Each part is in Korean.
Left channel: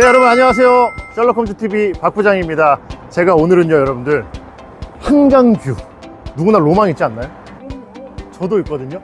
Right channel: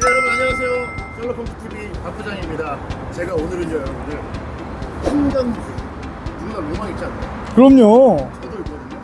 네 여러분 안녕하세요 셜록홈즈 TV 박 부장입니다 제가 오늘은요 여러분들 한강뷰 누구나 로망 있지 않나요? 그럼요. 저도 있거든요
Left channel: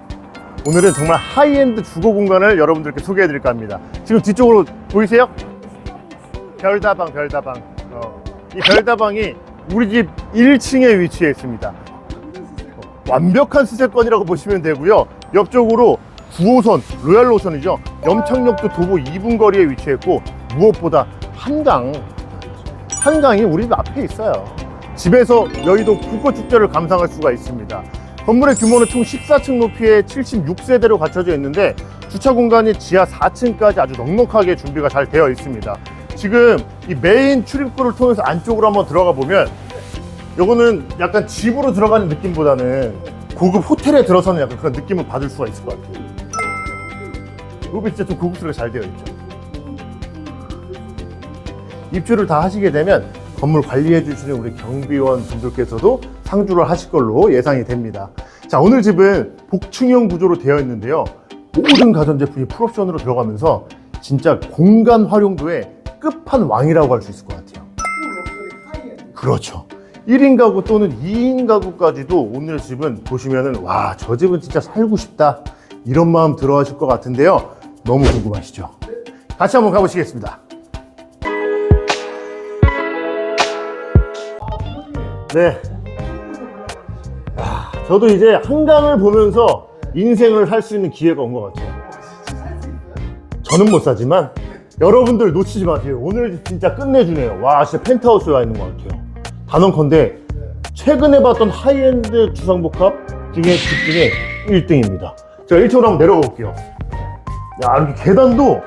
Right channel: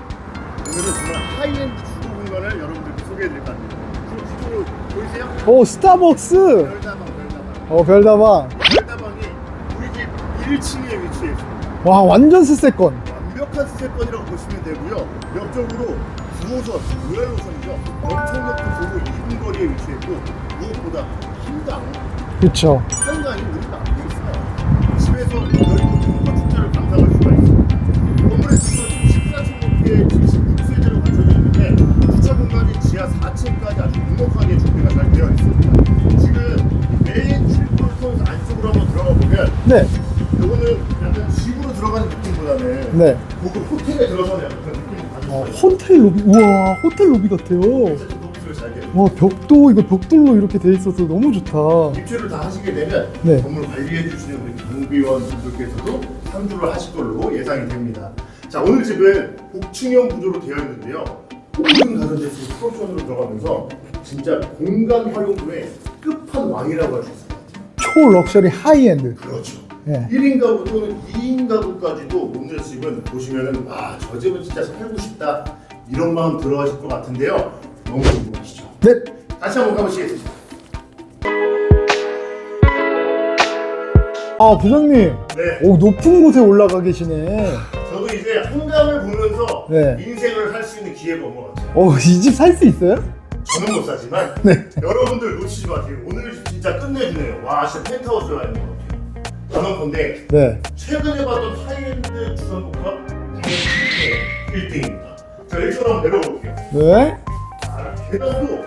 오늘은 정말 하이엔드 주거 공간을 여러분들께 소개해 드릴까 합니다 지금 뒤쪽으로 보이세요? 오, 스타벅스. 별다방 별다방 어, 별다방. 이 별다방이 우리 집 1층에 위치해 있습니다 와, 완전 스세권. 완벽한 수세권이라고 보시면 되고요 옆쪽으로 9호선 로얄로션이죠 염창역도 도보 2분 거리에 위치했고 무엇보다 한강 그쵸. 한강이 우리 집 앞에 있어요. 집에서 여의도 불꽃축제를 감상할 수가 있습니다. 건물의 규모는 총 14층 높이의 76세대로 갖춰져 있는데 주차 공간이 지하 4층까지 아주 넉넉하게 준비가 잘 되어 있습니다. 지금 이 메인 출입구를 통해서 안쪽으로 한번 들어가 보면 네. 요거는 약간 집으로 들어가는 느낌보다는 네. 고급 호텔에 들어서는 약간 그런 느낌을 받을 수가 있어요. 호텔 로비. 우와, 호텔 로비 같아요. 진짜 좀 고급스럽게 잘 되어 있어요. 와, 벽도, 이거 벽돌로 이렇게 돼 있어서 너무 좋다. 입주를 다 하시게 되면 네. 건물 관리해 주시는 우리 경비원 분들께서도 상주를 하실 걸로 예상이 됩니다. 자, 오늘 집은 복층형 구조로 되어 있는데요. 모든 가전제품이 풀옵션으로 들어가면서 진짜 공간 활용도의 끝판왕이라고 할 수 있을 것 같아요. 초 럭셔리 하이엔드. 그렇죠. 네. 1인 가구 또는 2인 가구까지도 오늘 집은 보시면은 와, 저 집은 진짜 살고 싶다. 이런 마음 들어 하실 것 같은데요. 너무 궁금하시죠? 네. 같이 한번 가보시겠습니다. 아, 부장님. 네. 오, 높은 곳에 올라가 계시네. 저도 이제 한강을 보면서 네. 인생을 할 수 있는 기회가 온 것 같아요. 오, 이집 살 수 있어요? 저는 못 사지만 네. 여러분들 놓치지 마세요. 오늘 집 진짜 끝내주네요. 와 진짜 펜트하우스에 와 있는 것 같아요. 단언컨대 네. 최근에 봤던 하이엔드 주상복합 중에 중에 1등입니다. 자 1층으로 한번 내려볼게요. 네. 야 여기 계단도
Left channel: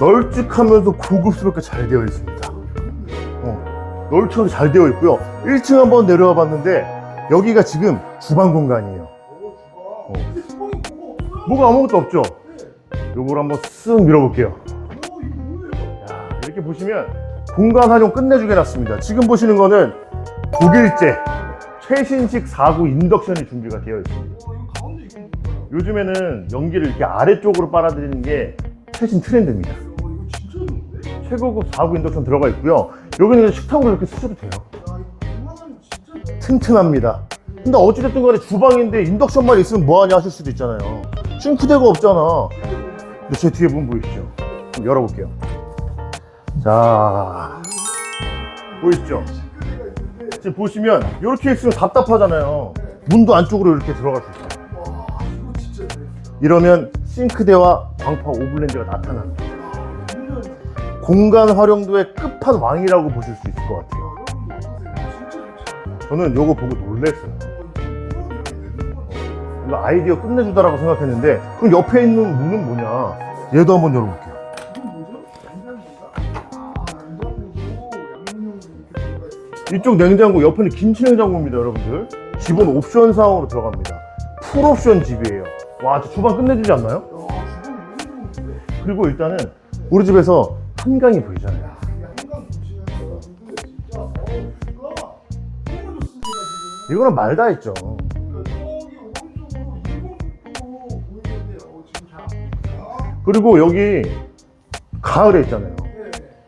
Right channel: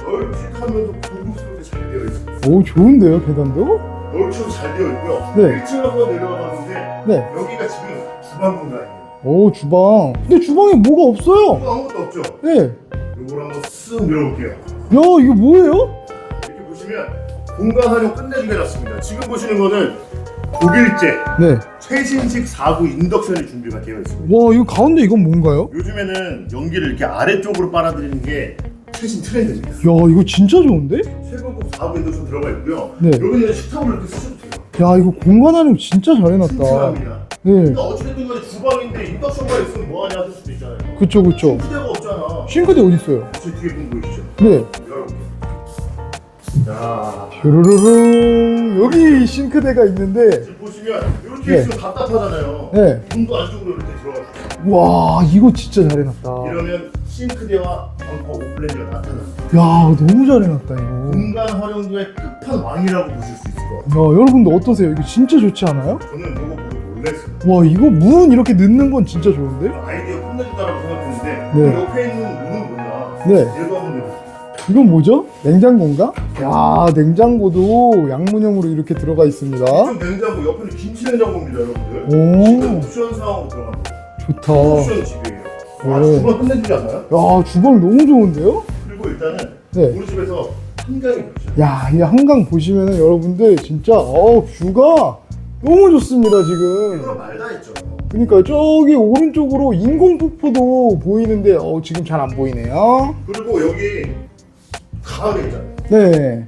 널찍하면서 고급스럽게 잘 되어 있습니다. 오, 좋은데요, 계단도? 널찍하게 잘 되어 있고요. 네. 1층 한번 내려와 봤는데 네. 여기가 지금 주방 공간이에요. 오, 주방. 근데 주방에 뭐가 없어요? 뭐가 아무것도 없죠? 네. 요걸 한번 쓱 밀어볼게요. 야, 이거 뭐예요? 이렇게 보시면 공간 활용 끝내주게 놨습니다. 지금 보시는 거는 독일제 네. 최신식 4구 인덕션이 준비가 되어 있습니다. 와, 이거 가운데 이건 뭔가요? 요즘에는 연기를 이렇게 아래쪽으로 빨아들이는 게 최신 트렌드입니다. 야, 이거 진짜 좋은데? 최고급 4구 인덕션 들어가 있고요. 네. 여기는 식탁으로 이렇게 쓰셔도 돼요. 야, 이거 공간 활용 진짜 잘 해놨다. 튼튼합니다. 네. 근데 어찌됐든 간에 주방인데 인덕션만 있으면 뭐하냐 하실 수도 있잖아요. 그쵸, 그쵸. 싱크대가 없잖아. 싱크대 어딨어요? 제 뒤에 보면 보이시죠? 네. 좀 열어볼게요. 자, 르르르 여기? 싱크대가 있는데 지금 보시면 이렇게 네. 있으면 답답하잖아요. 네. 문도 안쪽으로 이렇게 들어가 주세요. 와 이거 진짜 잘 해놨다 이러면 싱크대와 광파 오븐렌즈가 나타납니다. 야 너무 잘 해놨다 이거 공간 활용도의 끝판왕이라고 보실 수 있을 것 같아요. 야 여러분들 어떠세요? 이거 진짜 좋지 않아요? 저는 이거 보고 놀랐어요. 와 이거 문 이렇게 넣는 건 진짜 좋은데? 아이디어 끝내주다라고 생각했는데 그 네. 옆에 있는 문은 뭐냐? 네 얘도 한번 열어볼게요. 이건 뭐죠? 냉장고인가? 야 냉장고도 양문형으로 이렇게 들어가 있습니다 이쪽 냉장고 옆에는 김치 냉장고입니다, 여러분들. 오. 집은 옵션 사항으로 들어갑니다. 좋다 풀 옵션 집이에요. 와, 오. 주방 끝내주지 않나요? 야 주방 너무 좋은데요? 그리고 일단은 네. 우리 집에서 한강이 보이잖아요. 야, 이 한강 보시면은 여러분들 진짜 어 뷰가 너무 좋습니다 지금. 이거는 말다 했죠. 그러니까 저기 오른쪽으로 인공 폭포도 보이는데 어 지금 잘 안 보이네요. 그리고 여기 가을에 있잖아요. 네.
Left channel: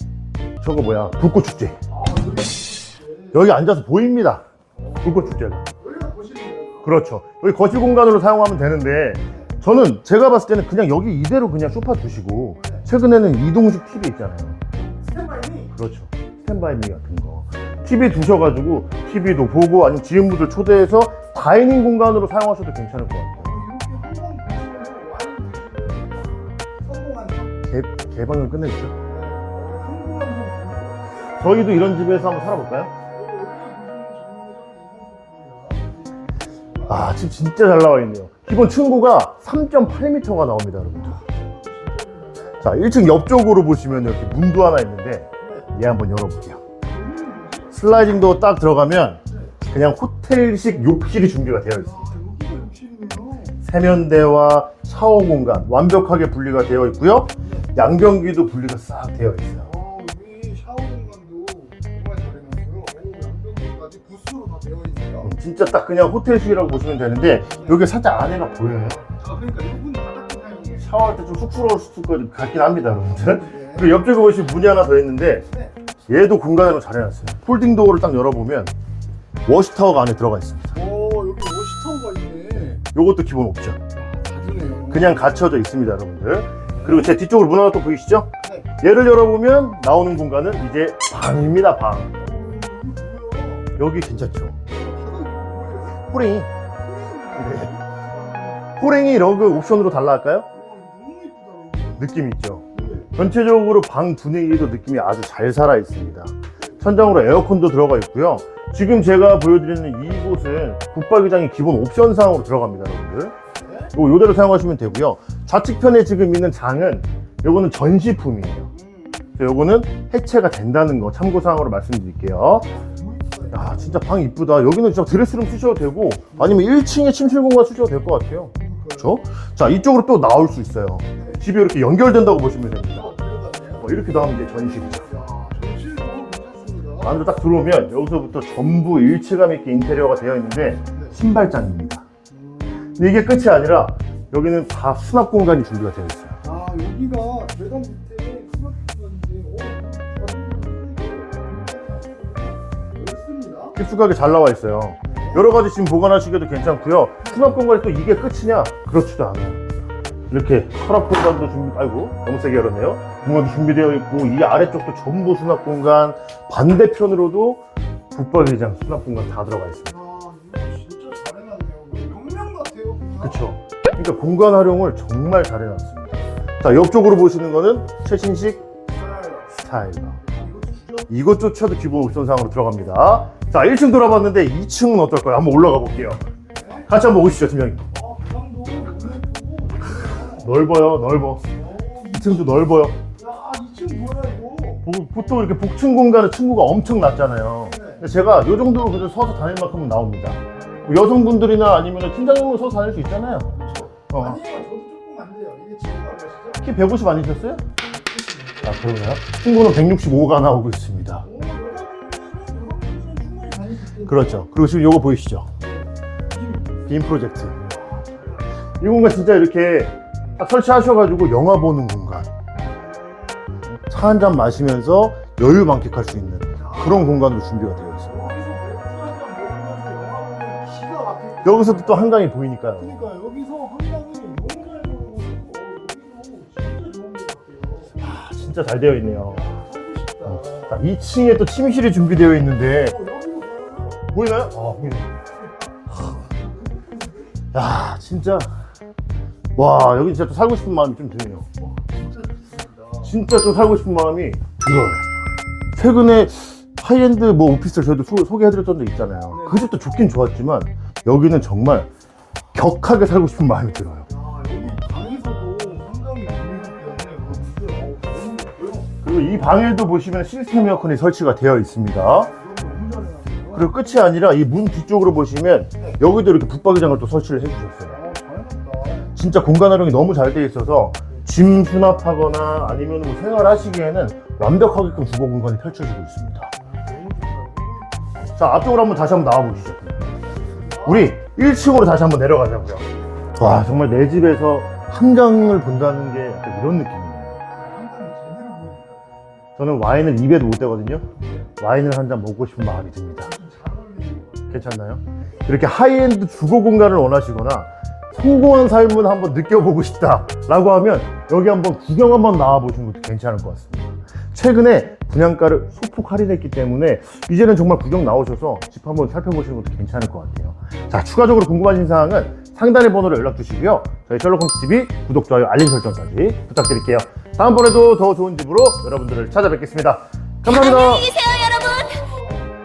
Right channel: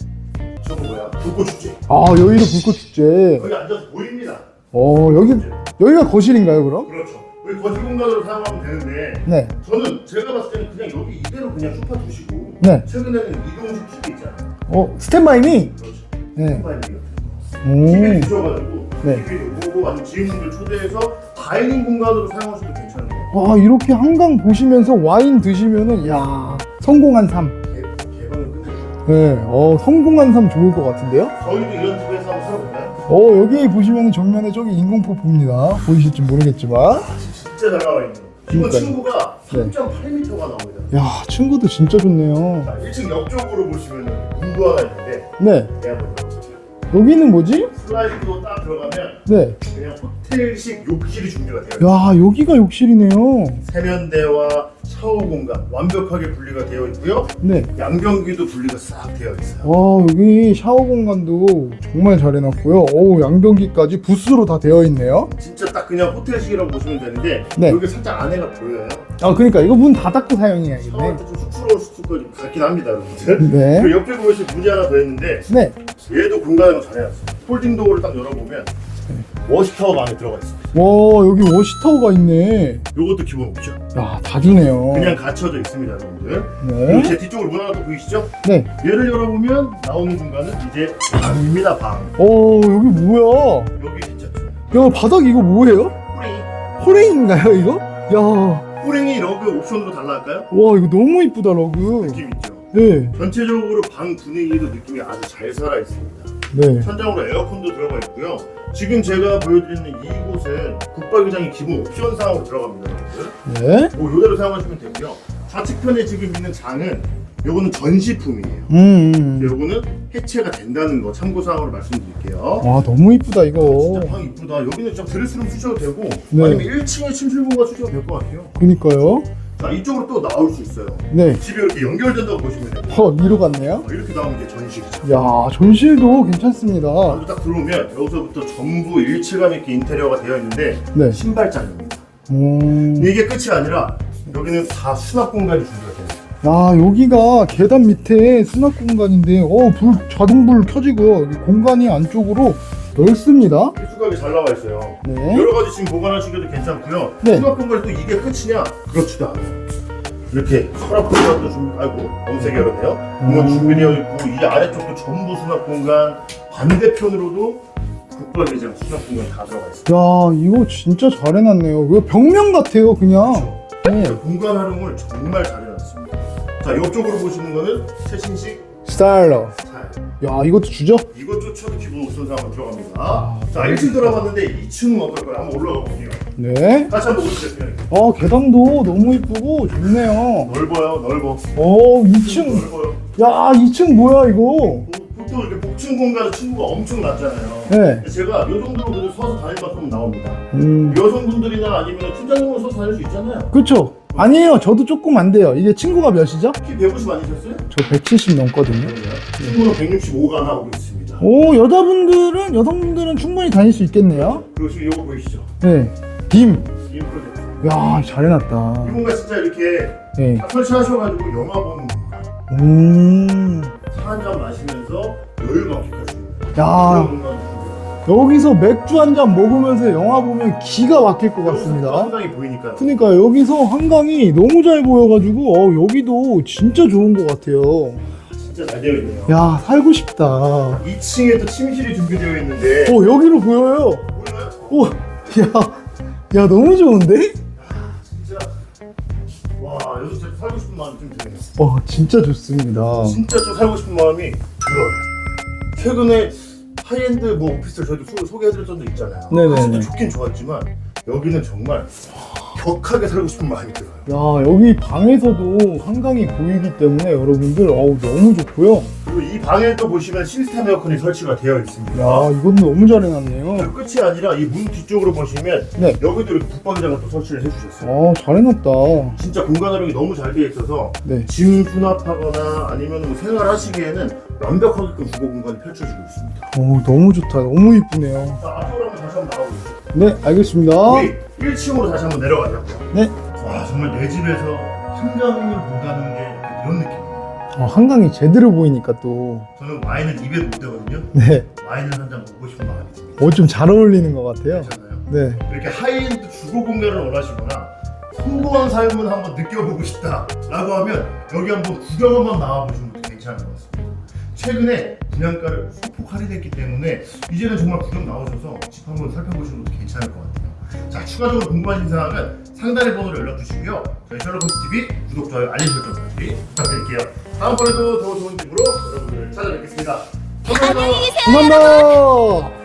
저거 뭐야? 불꽃축제. 아 여의도 불꽃 축제. 여기 앉아서 보입니다. 어 여기 불꽃축제. 여기가 거실인가요 그럼? 그렇죠. 여기 거실 공간으로 사용하면 되는데 네. 저는 제가 봤을 때는 그냥 여기 이대로 그냥 소파 두시고 네. 최근에는 이동식 TV 있잖아요. 어 스탠바이미. 그렇죠. 네. 스탠바이 같은 거. 오. TV 두셔가지고 네. TV도 보고 아니면 지인분들 초대해서 다이닝 공간으로 사용하셔도 괜찮은 것 같아요. 와 이렇게 한강 보시면서 와인 드시면은 야 성공한 삶. 개, 개방을 끝내주죠. 네. 어 성공한 삶 좋을 것 같은데요? 저희도 이런 집에서 한번 살아볼까요? 어 여기 보시면은 정면에 저기 인공폭포입니다. 보이실지 모르겠지만. 아, 집 진짜 잘 나와 있네요. 그러니까요. 친구가 3.8m가 나옵니다. 야 친구도 진짜 좋네요. 자, 1층 옆쪽으로 보시면 이렇게 문도 하나 있는데 네. 얘 한번 열어볼게요. 여기는 뭐지? 슬라이딩 도어 딱 들어가면 네. 그냥 호텔식 욕실이 준비가 되어 있어요. 야, 여기가 욕실이네요. 세면대와 샤워 공간 완벽하게 분리가 되어 있고요. 네. 양변기도 분리가 싹 되어 있어요. 와, 여기 샤워 공간도 정말 잘 해놨고요. 어우, 양변기까지 부스로 다 되어 있네요. 진짜 딱 그냥 호텔식이라고 보시면 되는데 네. 여기 살짝 안에가 보여요. 아, 그러니까 이거 문 닫았고 사용해야 돼. 샤워할 때 좀 쑥스러울 수도 있고 같긴 합니다, 여러분들. 네. 그리고 옆쪽에 보시면 문이 하나 더 있는데 네. 얘도 공간으로 잘 해놨어요. 폴딩 도어를 딱 열어보면 워시타워가 안에 들어가 있습니다. 와, 여기 워시타워가 있네. 요것도 기본 옵션. 야, 다 주네요. 그냥 갇혀져 있습니다, 여러분들. 그리고 네. 제 뒤쪽으로 문 하나 또 보이시죠? 네. 얘를 열어보면 나오는 공간은 이제 방입니다, 방. 어, 여기 뭐야? 여기 괜찮죠? 야, 바닥 이거 뭐예요? 호랭이. 호랭인가요, 이거? 야, 호랭이 러그 옵션으로 달라할까요? 와, 이거 너무 이쁘다, 러그. 느낌 있죠? 네. 전체적으로 방 분위기도 느낌이 아주 잘 살아 있습니다. 네. 천장으로 에어컨도 들어가 있고요. 지금 제가 보여드리는 이곳은 붙박이장이 기본 옵션 사항으로 들어갑니다, 여러분들. 네. 뭐 이대로 사용하시면 되고요. 좌측편에 지금 있는 장은 요거는 전시품이에요. 음. 음. 요거는 해체가 된다는 거 참고사항으로 말씀드릴게요. 와, 너무 이쁘다, 이거. 아, 진짜 방 이쁘다. 여기는 진짜 드레스룸 쓰셔도 되고 네. 아니면 1층에 침실 공간 쓰셔도 될 것 같아요. 그니까요. 자 이쪽으로 또 나올 수 있어요. 네. 집이 이렇게 연결된다고 보시면 돼요. 어, 위로 갔네요. 어, 이렇게 나오는 게 전실이죠. 야, 전실도 괜찮습니다. 안으로 딱 들어오면 여기서부터 전부 일체감 있게 인테리어가 되어 있는데 네. 신발장입니다. 음. 근데 이게 끝이 아니라 여기는 다 수납 공간이 준비가 되어 있어요. 야, 여기가 계단 밑에 수납 공간인데, 어, 불, 자동불 켜지고, 이 공간이 안쪽으로 넓습니다. 깊숙하게 잘 나와 있어요. 네. 여러 가지 지금 보관하시기도 괜찮고요. 네. 수납 공간이 또 이게 끝이냐? 그렇지도 않아요. 이렇게 서랍 공간도 준비, 아이고, 너무 세게 열었네요. 공간 음. 준비되어 있고, 이 아래쪽도 전부 수납 공간, 반대편으로도 붙박이장 수납 공간 다 들어가 있어요. 야, 이거 진짜 잘 해놨네요. 이거 벽면 같아요, 그냥. 그렇죠. 네. 공간 활용을 정말 잘 해놨습니다. 자, 옆쪽으로 보시는 거는 최신식 스타일러. 스타일. 야, 이것도 주죠? 이것조차도 기본 옵션 상으로 들어갑니다. 자, 1층 돌아봤는데 2층은 어떨까요? 한번 올라가 볼게요. 네. 같이 한번 보시죠, 팀장님. 어, 계단도 너무 이쁘고 좋네요. 넓어요, 넓어. 어, 2층 2층. 넓어요. 야, 2층 뭐야, 이거? 보- 보통 이렇게 복층 공간은 층고가 엄청 낮잖아요. 네. 제가 이 정도로 그래도 서서 다닐 만큼 나옵니다. 음. 여성분들이나 아니면 팀장님으로 서서 다닐 수 있잖아요. 그쵸? 아니에요. 저도 조금 안 돼요. 이게 친구가 몇이죠? 키 150 아니셨어요? 저 170 넘거든요. 친구는 165가 나오고 있습니다. 오, 여자분들은, 여성분들은 충분히 다닐 수 있겠네요. 그렇죠. 그리고 지금 이거 보이시죠? 네. 빔. 빔 프로젝트. 야, 잘 해놨다. 이 공간 진짜 이렇게 네. 딱 설치하셔가지고 영화 보는 공간. 음. 차 한 잔 마시면서 여유 만끽할 수 있는 그런 야, 공간도 준비가 되어 있어요. 여기서 맥주 한 잔 먹으면서 영화 보면 기가 막힐 것 여기서 같습니다. 또 한강이 보이니까요. 그러니까 여기서 한강이 너무 잘 보여가지고 어, 여기도 진짜 좋은 것 같아요. 진짜 잘 되어 있네요. 야 살고 싶다. 어 2층에 또 침실이 준비되어 있는데 여기로 보여요. 보이나요? 오, 야, 야 너무 좋은데? 야 진짜 와 여기 진짜 또 살고 싶은 마음이 좀 드네요. 어 진짜 좋습니다. 진짜 좀 살고 싶은 마음이 들어요. 최근에 하이엔드 뭐 오피스를 저희도 소, 소개해드렸던 적 있잖아요. 네네네. 그것도 좋긴 좋았지만 여기는 정말 격하게 살고 싶은 마음이 들어요. 야 여기 방에서도 한강이 보이기 때문에 여러분들 어우 너무 좋고요. 그리고 이 방에도 보시면 시스템 에어컨이 설치가 되어 있습니다. 아 이건 너무 잘 해놨네요. 그리고 끝이 아니라 이 문 뒤쪽으로 보시면 네. 여기도 이렇게 붙박이장을 또 설치를 해주셨어요. 어 잘해놨다. 진짜 공간 활용이 너무 잘 되어 있어서 네. 짐 수납하거나 아니면 뭐 생활하시기에는 완벽하게끔 주거 공간이 펼쳐지고 있습니다. 어 너무 좋다. 너무 이쁘네요. 자 앞쪽으로 한번 다시 한번 나와보시죠. 네 알겠습니다. 우리 1층으로 다시 한번 내려가자고요. 네. 와 정말 내 집에서 한강을 본다는 게 이런 느낌이에요. 어, 한강이 제대로 보이니까 또 저는 와인을 입에도 못 대거든요. 네. 와인을 한 잔 먹고 싶은 마음이 듭니다. 어, 좀 잘 어울리는 것 같아요. 괜찮나요? 네. 이렇게 하이엔드 주거 공간을 원하시거나 소고한 삶을 한번 느껴보고 싶다라고 하면 여기 한번 구경 한번 나와보시는 것도 괜찮을 것 같습니다. 최근에 분양가를 소폭 할인했기 때문에 이제는 정말 구경 나오셔서 집 한번 살펴보시는 것도 괜찮을 것 같아요. 자, 추가적으로 궁금하신 사항은 상단의 번호로 연락 주시고요. 저희 셜록홈스 TV 구독, 좋아요, 알림 설정까지 부탁드릴게요. 다음번에도 더 좋은 집으로 여러분들을 찾아뵙겠습니다. 감사합니다. 감사합니다.